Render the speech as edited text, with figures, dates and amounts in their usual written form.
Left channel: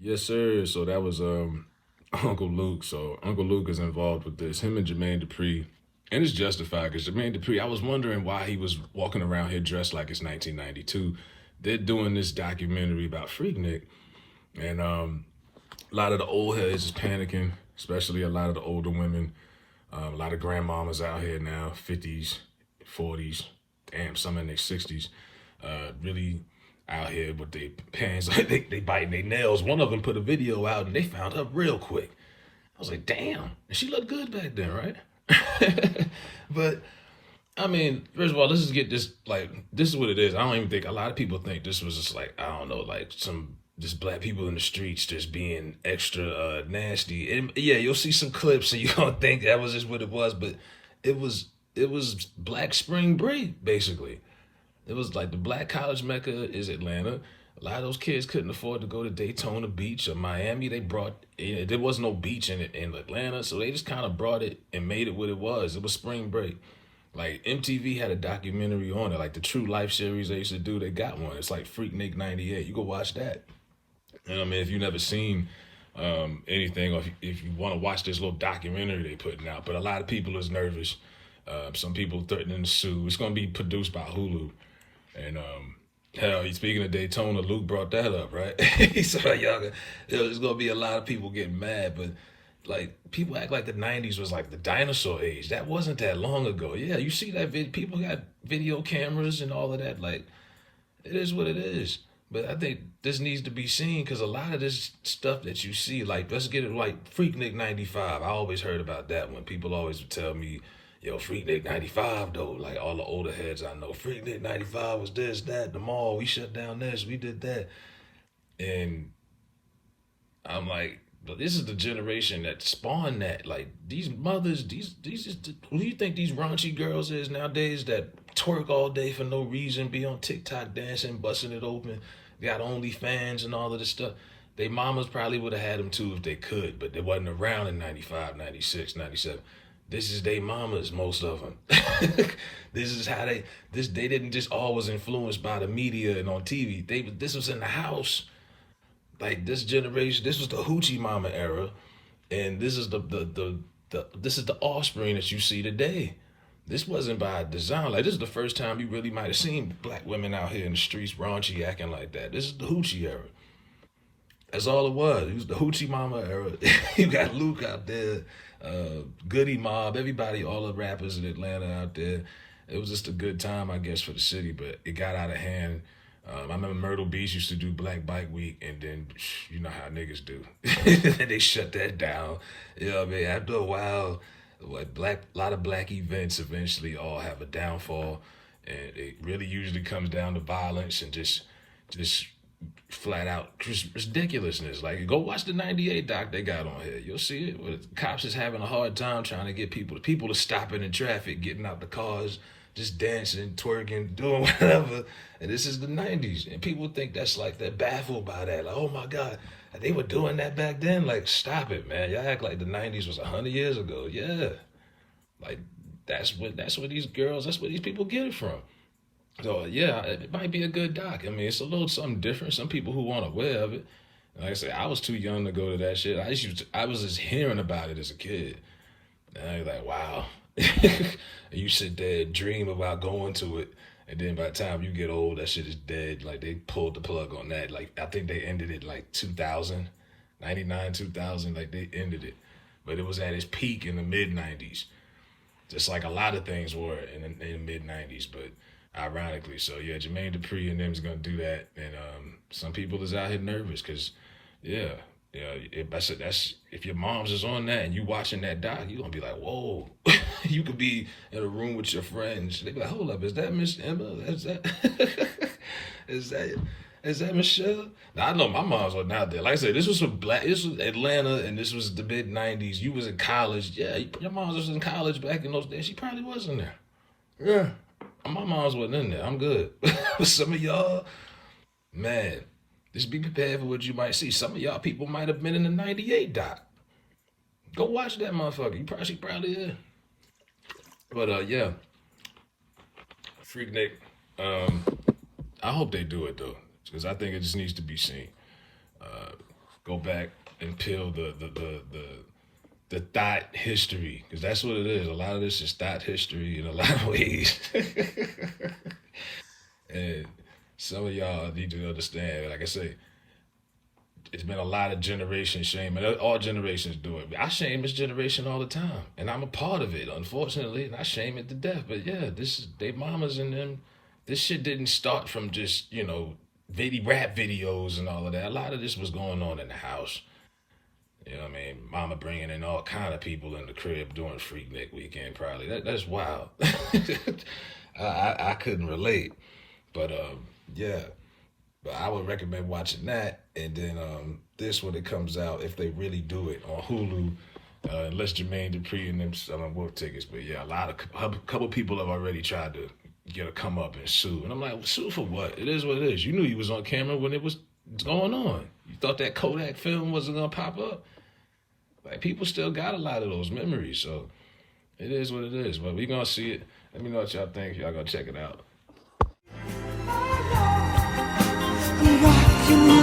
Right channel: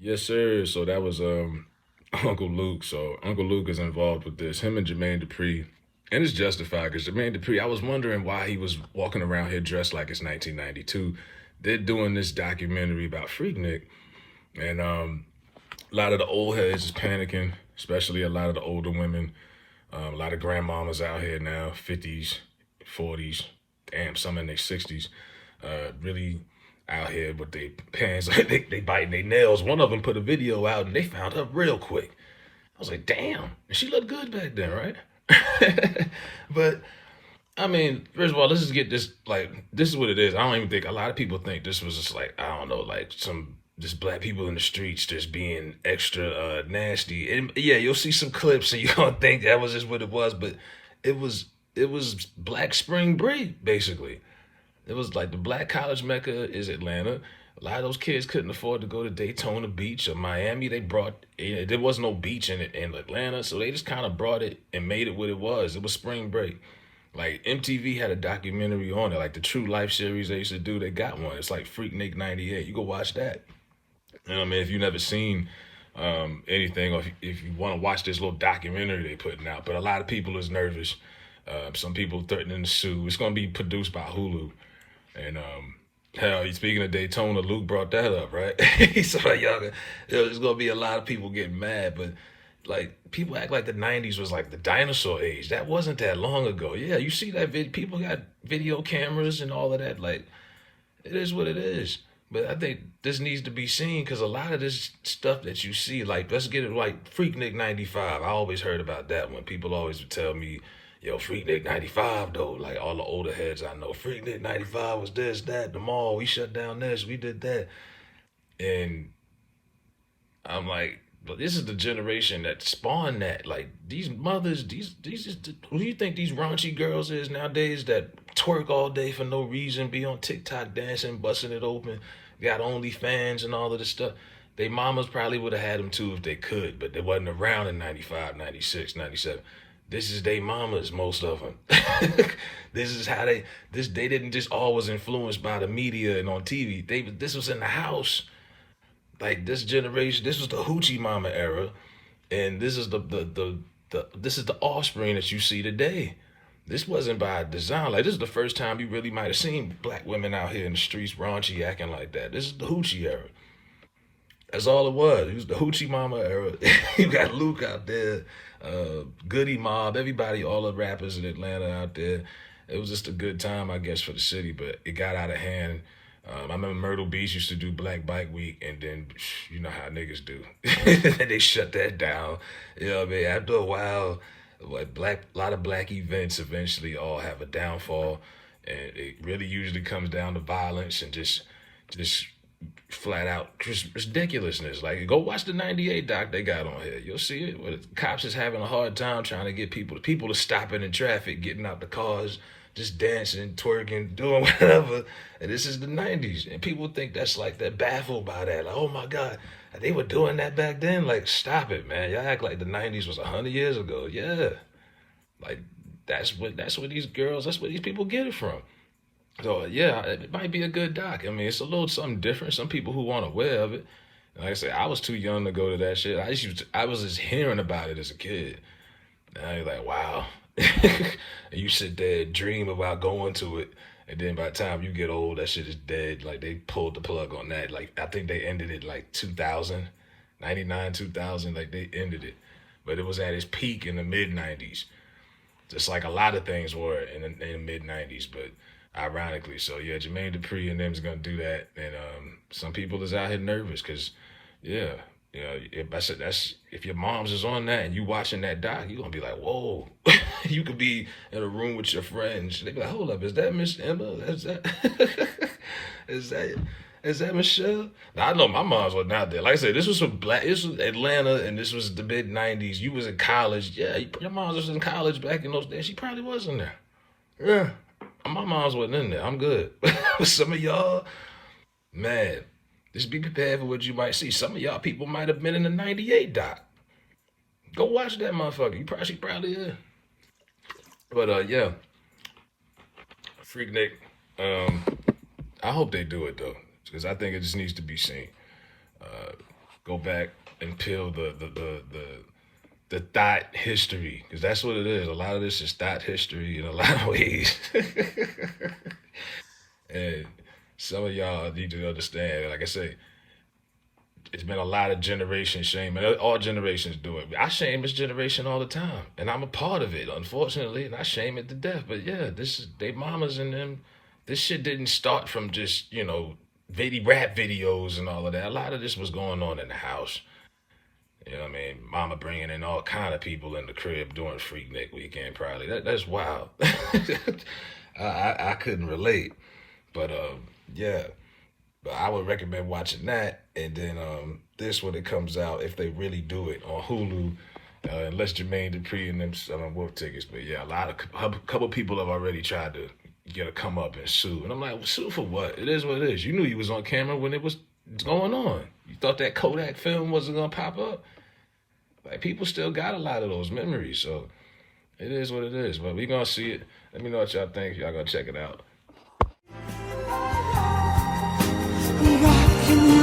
Yes, sir. So that was Uncle Luke. So Uncle Luke is involved with this. Him and Jermaine Dupri, and it's justified because Jermaine Dupri. I was wondering why he was walking around here dressed like it's 1992. They're doing this documentary about FreakNik, and a lot of the old heads is panicking, especially a lot of the older women. A lot of grandmamas out here now, 50s, 40s, damn, some in their 60s, really out here with their pants, like they biting their nails. One of them put a video out and they found her real quick. I was like, damn, and she looked good back then, right? But I mean, first of all, let's just get this. Like, this is what it is. I don't even think a lot of people think this was just like, I don't know, like some just black people in the streets just being extra nasty. And yeah, you'll see some clips and you're gonna think that was just what it was, but it was it was Black Spring Break basically. It was like the black college mecca is Atlanta. A lot of those kids couldn't afford to go to Daytona Beach or Miami. They brought there was no beach in Atlanta, so they just kind of brought it and made it what it was. It was spring break. Like MTV had a documentary on it, like the True Life series they used to do. They got one. It's like FreakNik '98. You go watch that. You know what I mean? If you've never seen anything, or if you want to watch this little documentary they putting out, but a lot of people is nervous. Some people threatening to sue. It's going to be produced by HULU. And hell, speaking of Daytona, Luke brought that up, right? He's like, y'all, there's gonna be a lot of people getting mad, but like people act like the '90s was like the dinosaur age. That wasn't that long ago. Yeah, you see that people got video cameras and all of that. Like it is what it is. But I think this needs to be seen because a lot of this stuff that you see, like let's get it like Freaknik '95. I always heard about that one. People always would tell me, yo, Freaknik '95 though. Like all the older heads I know, Freaknik '95 was this, that, the mall. We shut down this, we did that. And I'm like, but this is the generation that spawned that. Like these mothers, these is who do you think these raunchy girls is nowadays that twerk all day for no reason, be on TikTok dancing, busting it open, got OnlyFans and all of this stuff. They mamas probably would have had them too if they could, but they wasn't around in '95, '96, '97. This is they mamas, most of them. This is how they didn't just always influenced by the media and on TV. This was in the house. Like this generation, this was the hoochie mama era, and this is this is the offspring that you see today. This wasn't by design. Like this is the first time you really might have seen black women out here in the streets raunchy acting like that. This is the hoochie era. That's all it was. It was the hoochie mama era. You got Luke out there, Goody Mob, everybody, all the rappers in Atlanta out there. It was just a good time, I guess, for the city, but it got out of hand. I remember Myrtle Beach used to do Black Bike Week, and then you know how niggas do. They shut that down. You know what I mean? After a while, a lot of black events eventually all have a downfall, and it really usually comes down to violence and just flat out ridiculousness. Like go watch the '98 doc they got on here. You'll see it. Where the cops is having a hard time trying to get people to stopping in traffic, getting out the cars, just dancing, twerking, doing whatever. And this is the '90s, and people think that's like they're baffled by that. Like, oh my god, they were doing that back then. Like, stop it, man. Y'all act like the '90s was 100 years ago. Yeah, like that's where these girls, that's where these people get it from. So yeah, it might be a good doc. I mean, it's a little something different. Some people who aren't aware of it. And like I said, I was too young to go to that shit. I was just hearing about it as a kid. And you're like, wow. And you sit there and dream about going to it. And then by the time you get old, that shit is dead. Like they pulled the plug on that. Like I think they ended it like 2000, 99, 2000. Like they ended it. But it was at its peak in the mid '90s. Just like a lot of things were in the mid '90s. But ironically, so yeah, Jermaine Dupri and them's gonna do that. And some people is out here nervous because, yeah, if I said if your mom's is on that and you watching that doc, you gonna be like, whoa. You could be in a room with your friends. They be like, hold up, is that Miss Emma? Is that is that is that Michelle? Now, I know my mom's wasn't out there. Like I said, this was this was Atlanta, and this was the mid '90s. You was in college, yeah. Your mom was in college back in those days. She probably was in there. Yeah, my mom's wasn't in there. I'm good. Some of y'all, man, just be prepared for what you might see. Some of y'all people might have been in the '98 doc. Go watch that motherfucker. She probably is. But yeah, Freaknik. I hope they do it though, because I think it just needs to be seen. Go go back and peel the thought history, because that's what it is. A lot of this is thought history in a lot of ways. And some of y'all need to understand, like I say, it's been a lot of generation shame, and all generations do it. I shame this generation all the time, and I'm a part of it, unfortunately, and I shame it to death. But yeah, this is they mamas and them. This shit didn't start from just rap videos and all of that. A lot of this was going on in the house. You know what I mean? Mama bringing in all kind of people in the crib during FreakNik weekend, probably. That's wild. I couldn't relate, but yeah. But I would recommend watching that, and then this when it comes out, if they really do it on Hulu, unless Jermaine Dupri and them selling wolf tickets. But yeah, a couple people have already tried to get a come up and sue, and I'm like, sue for what? It is what it is. You knew you was on camera when it was going on. You thought that Kodak film wasn't gonna pop up. Like people still got a lot of those memories, so it is what it is. But we gonna see it. Let me know what y'all think. Y'all gonna check it out. Rockin'